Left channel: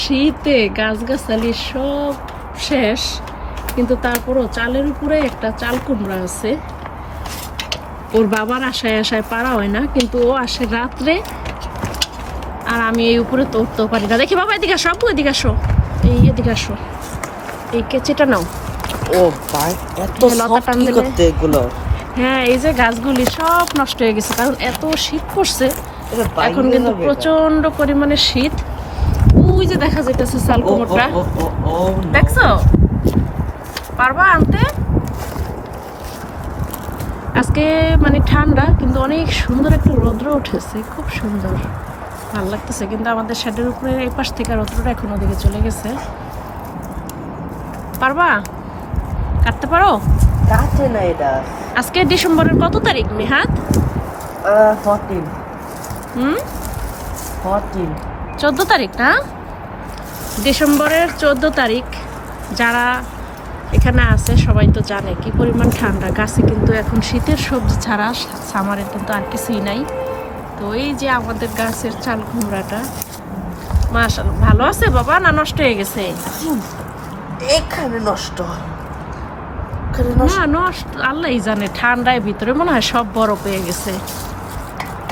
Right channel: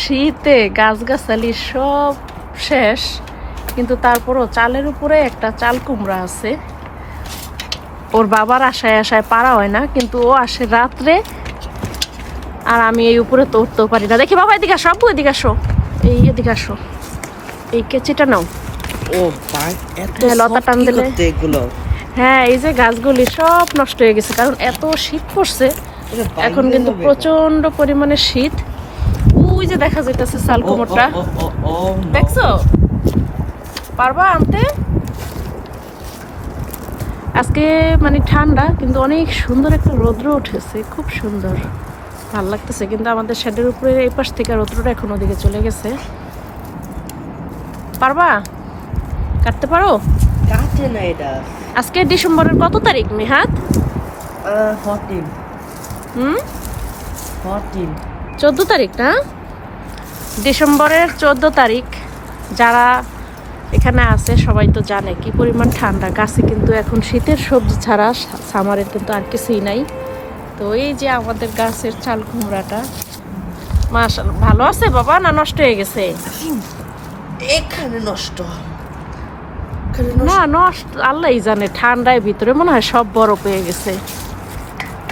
শীতে গাছগাছালি সব শেষ কিন্তু তারপরও চালের উপরে একটা চাল কুমড়া আছে। ওর বাবার আশায় আশায় পারা হয় না কিন্তু ও আসে রাত্রে আর আমি এই উপরে তো উঠতেও পারি না। দেখি বাবা এদিকে আসো আব্বু এদিকে আসো। এই এদিকে আসো। এই কেচিটা নাও। ও ভাই এত লতা টান কি করতে এগুলো? হ্যাঁ এই যে গাছগুলি সব নষ্ট হয়ে গেছে কারণ এত শীত পড়ছে। এখন কিন্তু প্রচণ্ড পরিমাণে শীত। ওই যে দেখা যাইতেছে ও, no. দেখছ? পারবা আনতে? আজকে মানে ঠান্ডা কিন্তু অনেক সুন্দর একটা রৌদ্র উঠেছে খুব সুন্দর। ভালো লাগতেছে কিন্তু আমাদের শেডের উপরে এই পাশ থেকে রৌদ্রটা এখন ওদিকে চলে গেছে। পারবা? কাটতে পারো? কাটে না এটা। আজকে ডিসেম্বরের কত তারিখ মেহাত? ফর্টিন হুম? ফর্টিন চোদ্দ তারিখ না? ডিসেম্বরের চোদ্দ তারিখ যারা এখানে আছে সবাই তো জানে কি পরিমাণ ঠান্ডা। গাছে কিন্তু এখন শীতের সবজি ছাড়া সামারের কিন্তু আর কিছুই নাই। তো এই যে আমাদের গাছের চাল কুমড়াটা মাশাল ভালো আছে বাবা না নষ্ট হয়ে গেছে? এখানে নষ্ট এখানে নষ্ট না নষ্ট আল্লাহই জানে ঠান্ডায় ভিতরে মনে হয় সব বরফ হয়ে গেছে।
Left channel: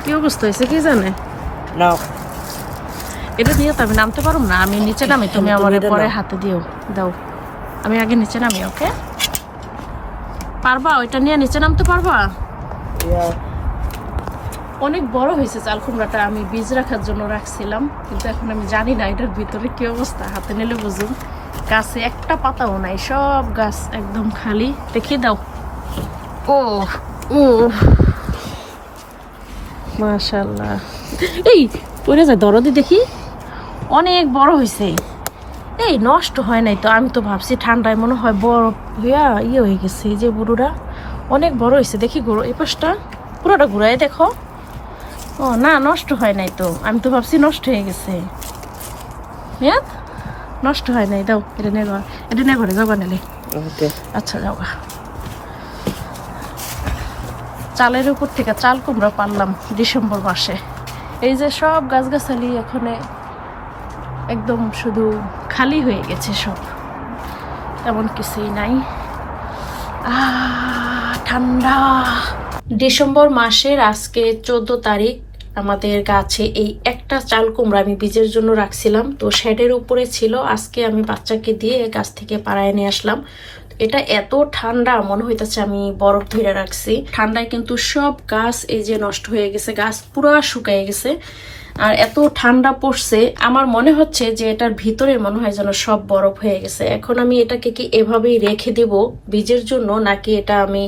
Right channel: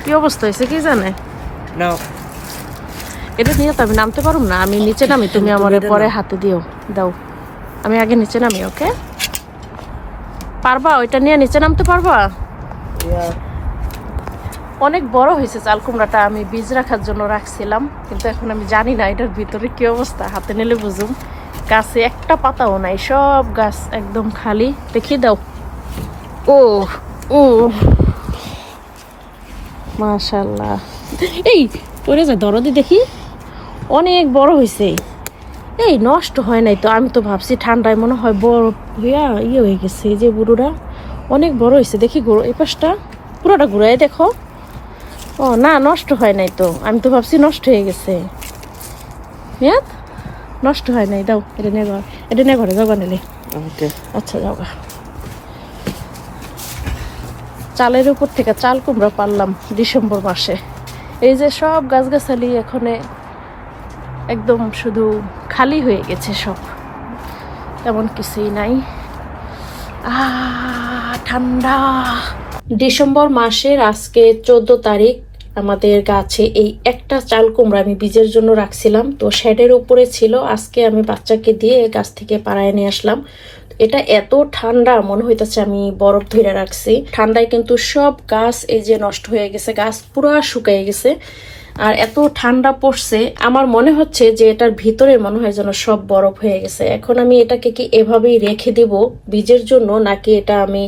কি অবস্থা হয়েছে কি জানে? না এটা নিয়ে তো আমি নামতে পারুম না। আমি নিচে নামি তুমি আমার পরে হাতে দিও। দাও। আমি আগে নিচে নামি ওকে? পারবা? ওইটা নিয়ে নিচে নামতে পারবা? অনেক বড় হয়েছে চাল কুমড়াটা আমি বীজ রাখার জন্য রাখছিলাম কিন্তু এখন আমি জানি না এটার ভিতরে কি অবস্থা। হাতে নিলে বুঝুম গাছে একটা পাতাও নাই সব গাছ একদম খালি। দেখিয়ে দাও। ও ও মাশাল্লাহ। এই পড়ে যায় দরদে দেখি। অনেক বড় হয়েছে এই নষ্ট হয় নাই তো আমি তো ভাবছি ঠান্ডায় মনে হয় বড় হইয়া ইয়ে হয়ে গেছে এই যে গরুরা অনেক বড় হয়েছে দেখি গরু এই পাশটা পুরোটা ঘুরাই দেখো। ও না নষ্ট হয় নাই তো আমি তো ভাবছি নষ্ট হয়ে গেছে। নষ্ট হয় নাই দাও এটা নিয়ে ঘর এটা নিয়ে ঘরে যাবা নিলে আচ্ছা যাবা চালের উপর থেকে চাল কুমড়া পারলাম ডিসেম্বর মাসে। এই যে সব গাছগাছালি এখানে একদম শুধু খালি হয়ে গেছে সব। তেমন কিছুই নাই। ঠান্ডা। ডিসেম্বর মাসের আজকে চোদ্দ তারিখ, আমাদের গাছে এই একটা চাল কুমড়া আমি বীজের জন্য রাখছিলাম। তো শেডের উপরে ছিল, আজকে আমি বাচ্চাকে দিয়ে গাছ থেকে পাড়ায় নিয়ে আসলাম। এটা এত ঠান্ডা, মনে হইতেছে আমি বরফ ধরে রাখছি। ঠান্ডায় কিন্তু সব গাছ এই যে নষ্ট হয়ে গেছে, গাছ পুরো শুকিয়ে গেছে। আর এত ঠান্ডা পড়ছে, আমার মনে হচ্ছে যে এটার ভিতরে মনে হয় যেন সব বরফ হয়ে গেছে। এখন আমি এটাকে কি এভাবেই রেখে দেব বীজের জন্য, নাকি এটা আমি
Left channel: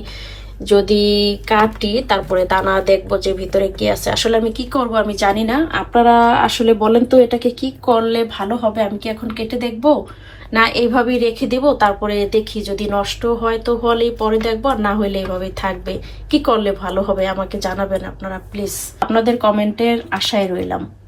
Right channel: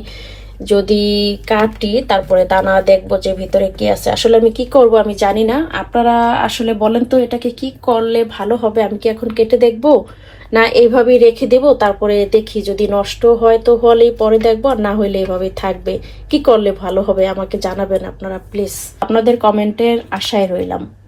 যদি কাটি তারপরে দানা দেখব যে ভিতরে কি আছে। আসলে আমি কি করব আমি জানি না। আপনারা আসলে বলেন তো, এটাকে কি করলে ভালো হবে? আমি কি এখন কেটে দেখব? না এইভাবেই রেখে দেব, তারপরে দেখি যদি নষ্ট হয় তো হলেই পরে দেখব, আর না হলে এভাবেই থাকবে। কি করলে ভালো হবে আমাকে জানাবেন আপনারা, প্লিজ। আপনাদের কমেন্টের আশায় রইলাম।